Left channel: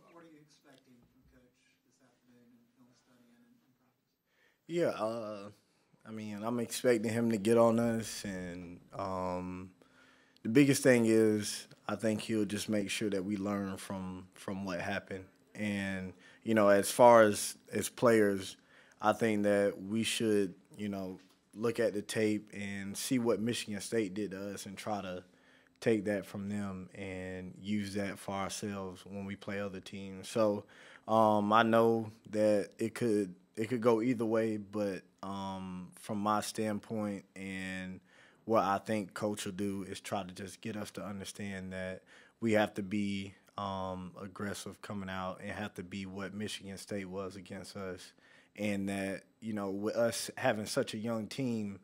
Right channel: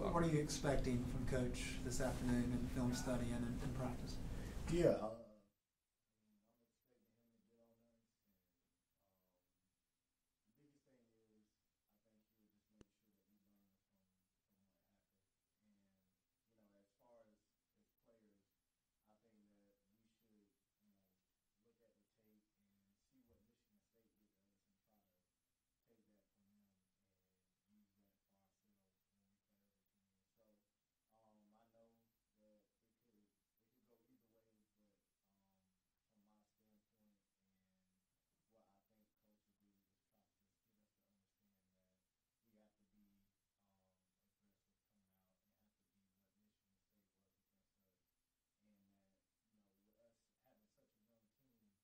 What are you expecting from Coach this afternoon in film study and in practice? Yeah, I mean, I'm expecting him to get on us, and the biggest thing is I think he'll just make sure that we learn from what happened. And as far as players, I think that we should look at the tape and see what Michigan State did to us and try to take that from them and use that for ourselves when we play other teams. So I know that it could go either way, but from my standpoint and what I think coach will do is try to just get us to understand that we have to be aggressive coming out and have to be what Michigan State was against us, and that with us having such a young team.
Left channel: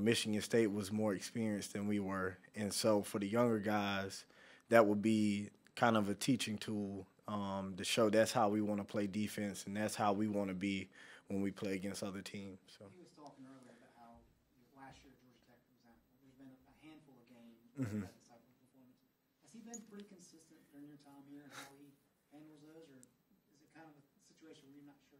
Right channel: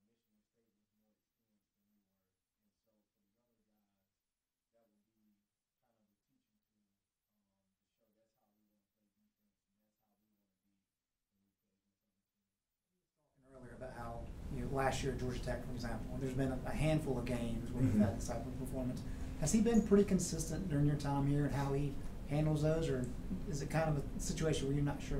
Michigan State was more experienced than we were, and so for the younger guys, that would be kind of a teaching tool to show that's how we want to play defense and that's how we want to be when we play against other teams. So. He was talking earlier about how last year at Georgia Tech, for example, there's been a handful of games where you've had this type of performance. Has he been pretty consistent during your time here and how he handles those, or is it kind of a situation where you're not sure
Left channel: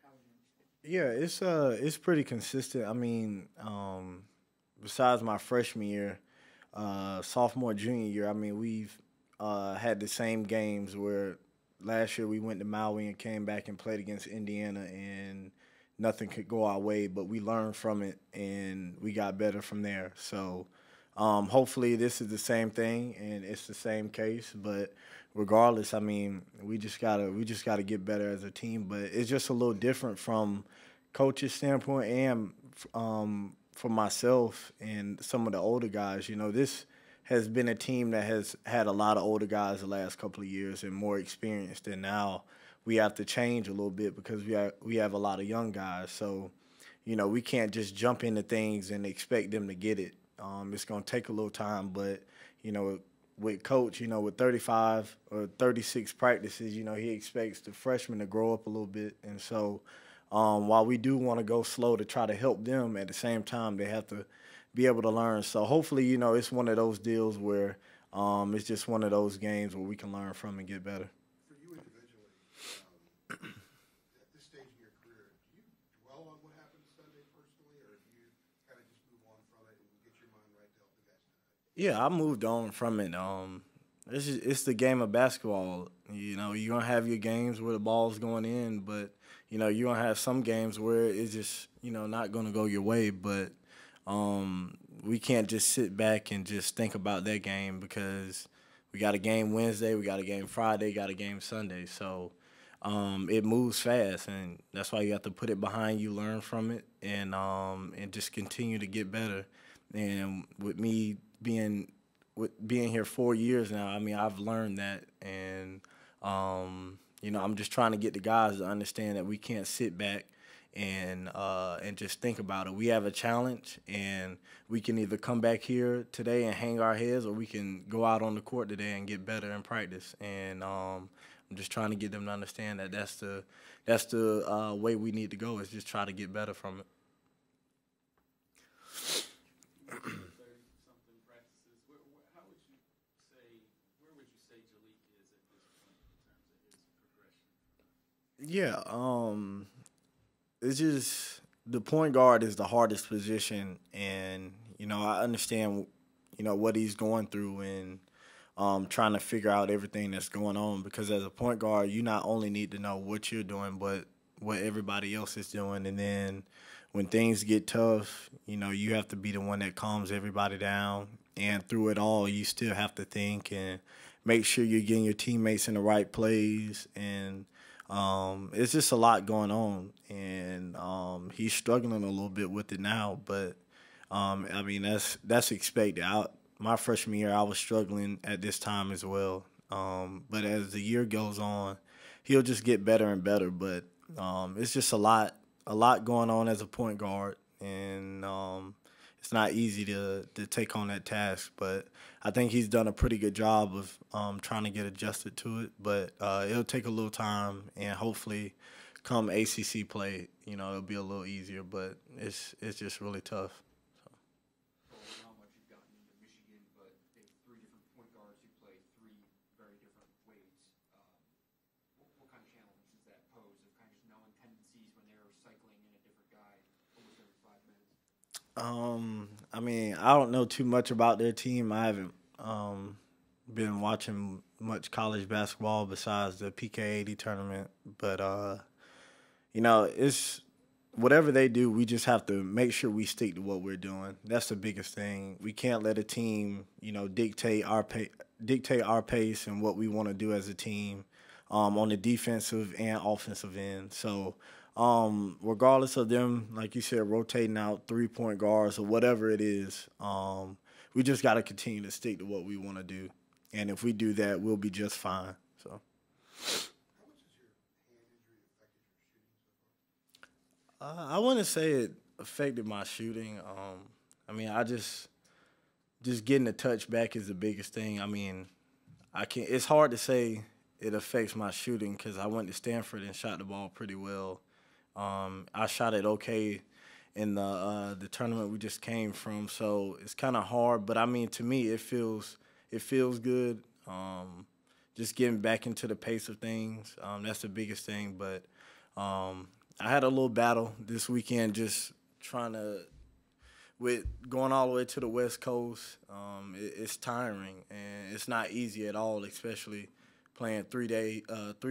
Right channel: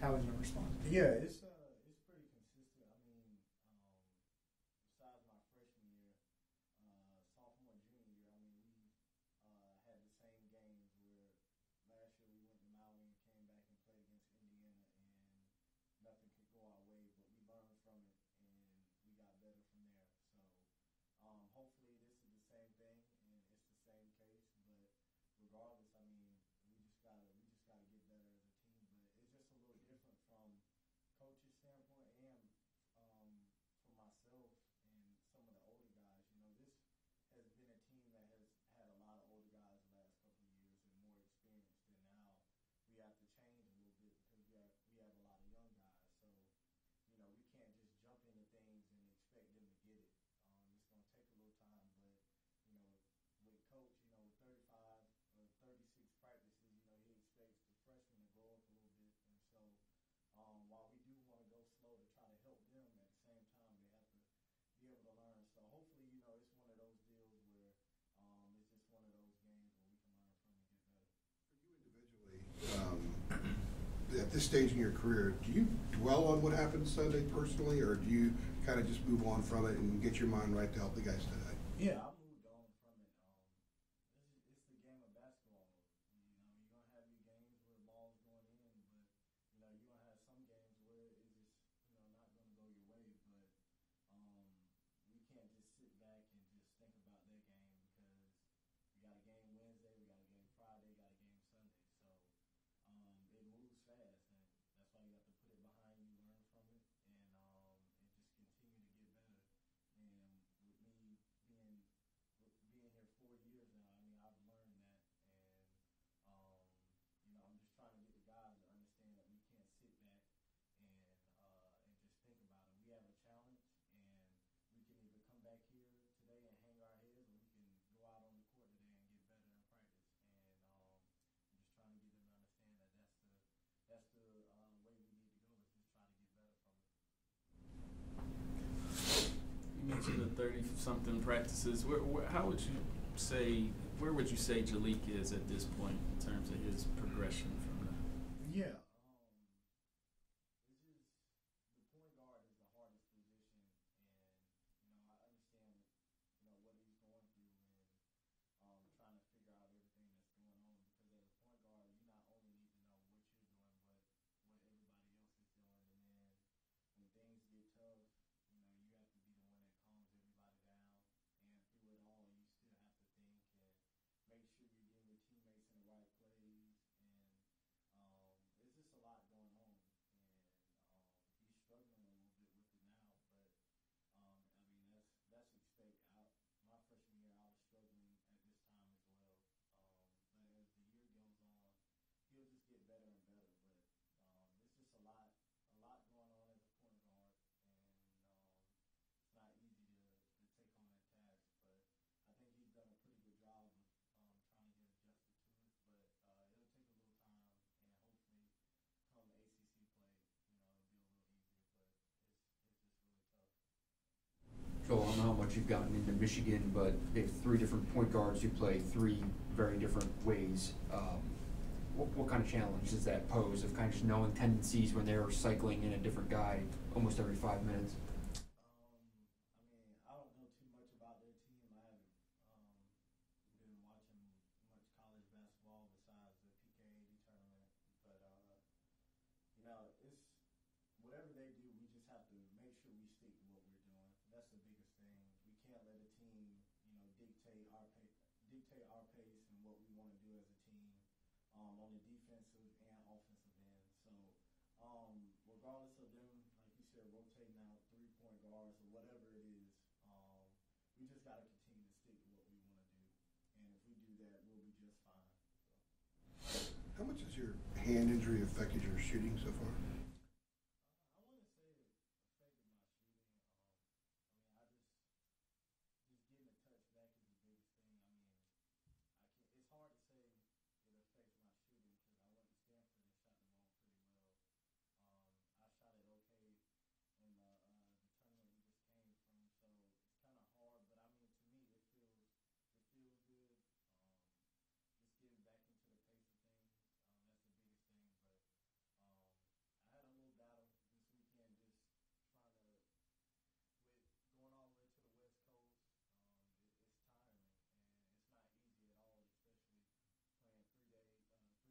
how he's going to respond? Yeah, it's pretty consistent. I mean, besides my freshman year, sophomore, junior year, I mean, we've had the same games where last year we went to Maui and came back and played against Indiana and nothing could go our way, but we learned from it and we got better from there. So hopefully this is the same thing and it's the same case, but regardless, I mean, we just gotta get better as a team. But it's just a little different from coach's standpoint and for myself and some of the older guys. This has been a team that has had a lot of older guys the last couple of years and more experienced, and now we have to change a little bit because we have a lot of young guys. So, we can't just jump into things and expect them to get it. It's going to take a little time, but, with Coach, with 35 or 36 practices, he expects the freshmen to grow up a little bit. And so while we do want to go slow to try to help them, at the same time, they have to be able to learn. So hopefully, it's one of those deals where it's just one of those games where we can learn from and get better. For you individually, at this stage in your career, do you dwell on what happened Sunday personally, or do you kind of just move on from it and get your mind right to help the guys today? Yeah, I moved on from it. It's the game of basketball. You're going to have your games where the ball's going in, but, you're going to have some games where it's just, not going to go your way. But we can't just sit back and just think about that game because we got a game Wednesday, we got a game Friday, got a game Sunday. So it moves fast, and that's why you have to put it behind you, learn from it, and just continue to get better. And with me being here 4 years now, I mean, I've learned that, and I'm just trying to get the guys to understand that we can't sit back and just think about it. We have a challenge, and we can either come back here today and hang our heads, or we can go out on the court today and get better in practice. And I'm just trying to get them to understand that that's the way we need to go, is just try to get better from it. You mentioned the 30-something practices. How would you say, where would you say Jalek is at this point in terms of his progression from that? Yeah, it's just the point guard is the hardest position, and I understand what he's going through and trying to figure out everything that's going on, because as a point guard, you not only need to know what you're doing, but what everybody else is doing. And then when things get tough, you have to be the one that calms everybody down. And through it all, you still have to think and make sure you're getting your teammates in the right plays. And it's just a lot going on. And he's struggling a little bit with it now. But, I mean, that's expected. My freshman year, I was struggling at this time as well. But as the year goes on, he'll just get better and better. But it's just a lot going on as a point guard, and it's not easy to take on that task. But I think he's done a pretty good job of trying to get adjusted to it. But it'll take a little time, and hopefully come ACC play, it'll be a little easier. But it's just really tough. Joel, I don't know how much you've gotten into Michigan, but they have 3 different point guards who play 3 very different ways. what kind of challenge does that pose of kind of just knowing tendencies when they're cycling in a different guy almost every 5 minutes? I mean, I don't know too much about their team. I haven't been watching much college basketball besides the PK80 tournament. But, you know, it's whatever they do, we just have to make sure we stick to what we're doing. That's the biggest thing. We can't let a team, you know, dictate our pace and what we want to do as a team on the defensive and offensive end. So, regardless of them, like you said, rotating out 3-point guards or whatever it is, we just got to continue to stick to what we want to do. And if we do that, we'll be just fine. So, how much has your hand injury affected your shooting so far? I wouldn't say it affected my shooting. I mean, I just getting the touch back is the biggest thing. I mean, it's hard to say it affects my shooting because I went to Stanford and shot the ball pretty well. I shot it okay in the tournament we just came from, so it's kind of hard. But I mean, to me, it feels good. Just getting back into the pace of things, that's the biggest thing. But I had a little battle this weekend, just with going all the way to the West Coast. It's tiring and it's not easy at all, especially playing 3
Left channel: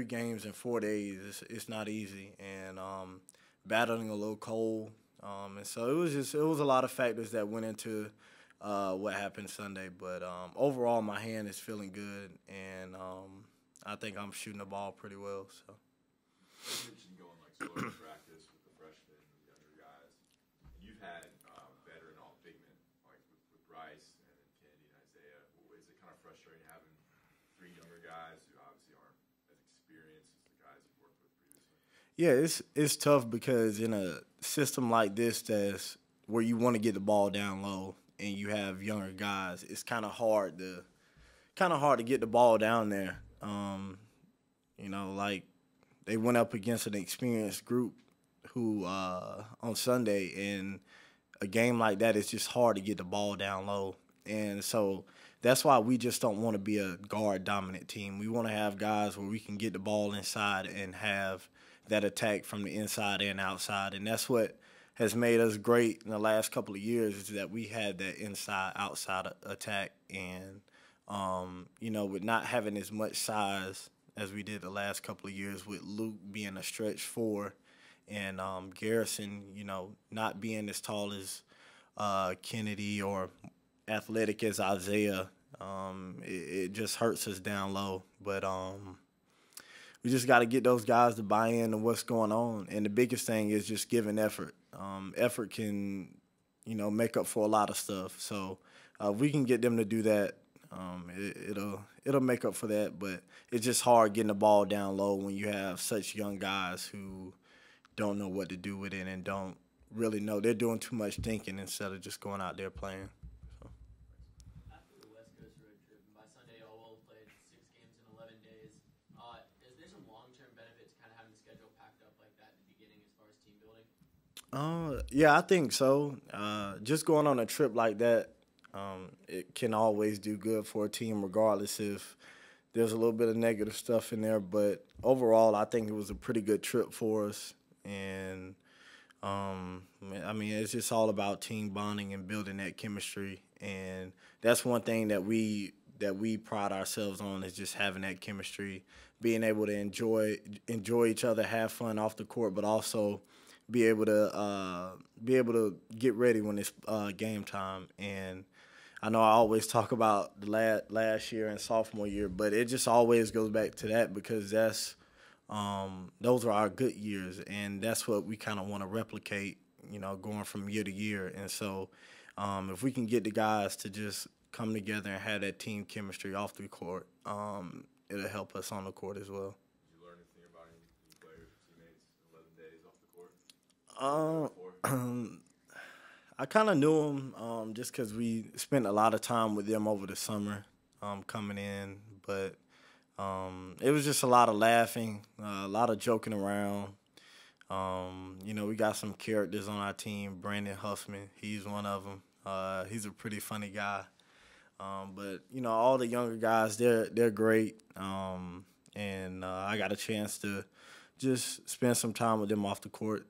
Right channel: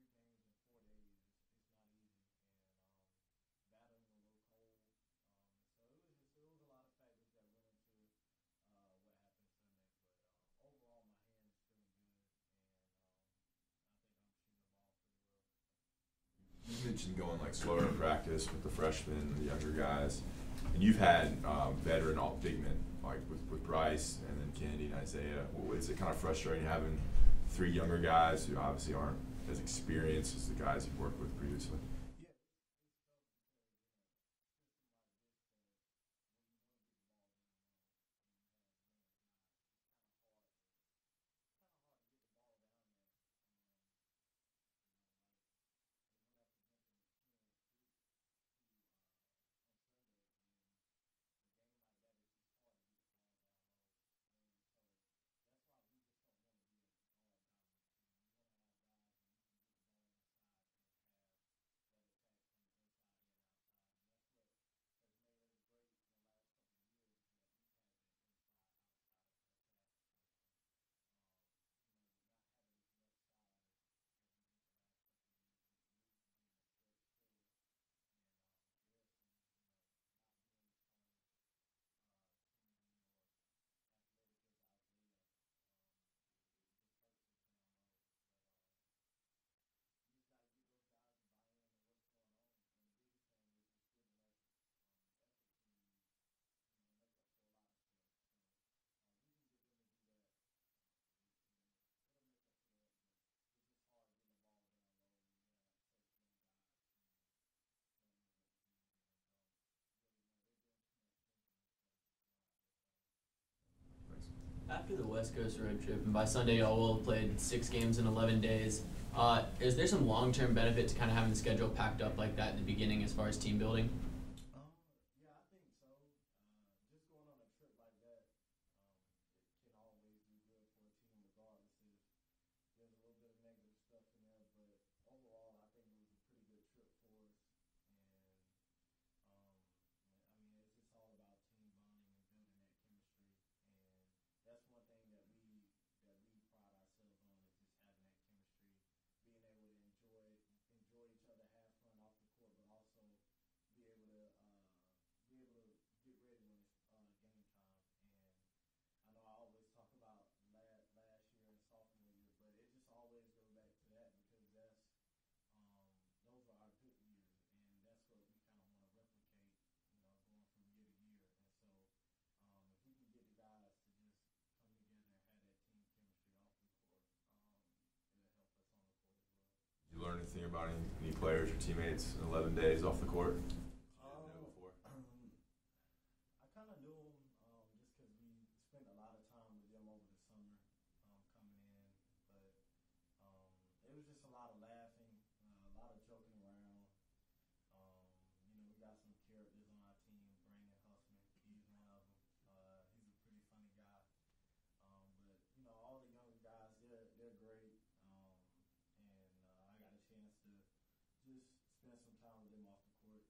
games in 4 days. It's not easy, and battling a little cold. And so it was a lot of factors that went into what happened Sunday. But overall, my hand is feeling good, and I think I'm shooting the ball pretty well. So. You mentioned going like slower in practice with the freshmen, the younger guys, and you've had veteran big men like with Bryce and then Kennedy and Isaiah. Well, is it kind of frustrating having 3 younger guys who obviously aren't as experienced as the guys you've worked with previously? Yeah, it's tough because in a system like this, that's where you want to get the ball down low and you have younger guys, it's kind of hard to get the ball down there. You know, like they went up against an experienced group who on Sunday, and a game like that, it's just hard to get the ball down low. And so that's why we just don't want to be a guard-dominant team. We want to have guys where we can get the ball inside and have that attack from the inside and outside. And that's what has made us great in the last couple of years, is that we had that inside-outside attack. And, you know, with not having as much size as we did the last couple of years, with Luke being a stretch 4 and Garrison, you know, not being as tall as Kennedy or athletic as Isaiah, it just hurts us down low. But we just got to get those guys to buy in to what's going on. And the biggest thing is just giving effort. Effort can, you know, make up for a lot of stuff. So if we can get them to do that, it'll make up for that. But it's just hard getting the ball down low when you have such young guys who don't know what to do with it and don't really know. They're doing too much thinking instead of just going out there playing. So. After the West Coast road trip, and by Sunday y'all will have played 6 games in 11 days, is there some long-term benefit to kind of having the schedule packed up like that at the beginning as far as team building? Yeah, I think so. Just going on a trip like that, it can always do good for a team, regardless if there's a little bit of negative stuff in there. But overall, I think it was a pretty good trip for us. And, I mean, it's just all about team bonding and building that chemistry. And that's one thing that we pride ourselves on, is just having that chemistry, being able to enjoy each other, have fun off the court, but also be able to get ready when it's game time. And I know I always talk about the last year and sophomore year, but it just always goes back to that, because those are our good years, and that's what we kind of want to replicate, you know, going from year to year. And so if we can get the guys to just come together and have that team chemistry off the court, it'll help us on the court as well. Did you learn anything about any players or teammates in 11 days off the court? I kind of knew them just because we spent a lot of time with them over the summer coming in. But it was just a lot of laughing, a lot of joking around. You know, we got some characters on our team. Brandon Huffman, he's one of them. He's a pretty funny guy. But, you know, all the younger guys, they're great. And I got a chance to just spend some time with them off the court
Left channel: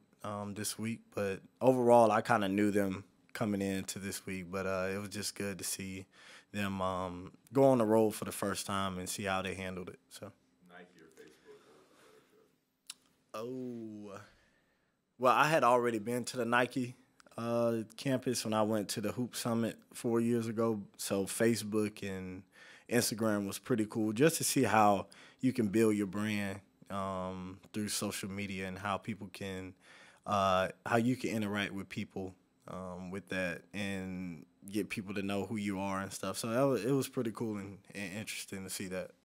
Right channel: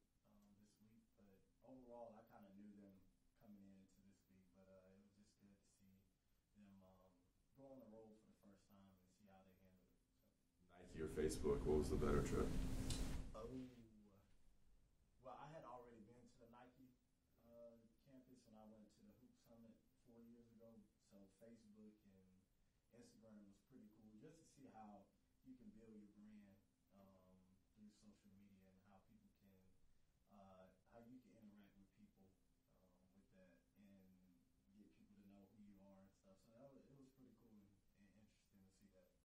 this week. But overall, I kind of knew them coming into this week, but it was just good to see them go on the road for the first time and see how they handled it. So, Nike or Facebook, what was the better trip? oh, well, I had already been to the Nike campus when I went to the Hoop Summit 4 years ago. So Facebook and Instagram was pretty cool just to see how you can build your brand through social media and how people can, how you can interact with people with that and get people to know who you are and stuff. So it was pretty cool and interesting to see that.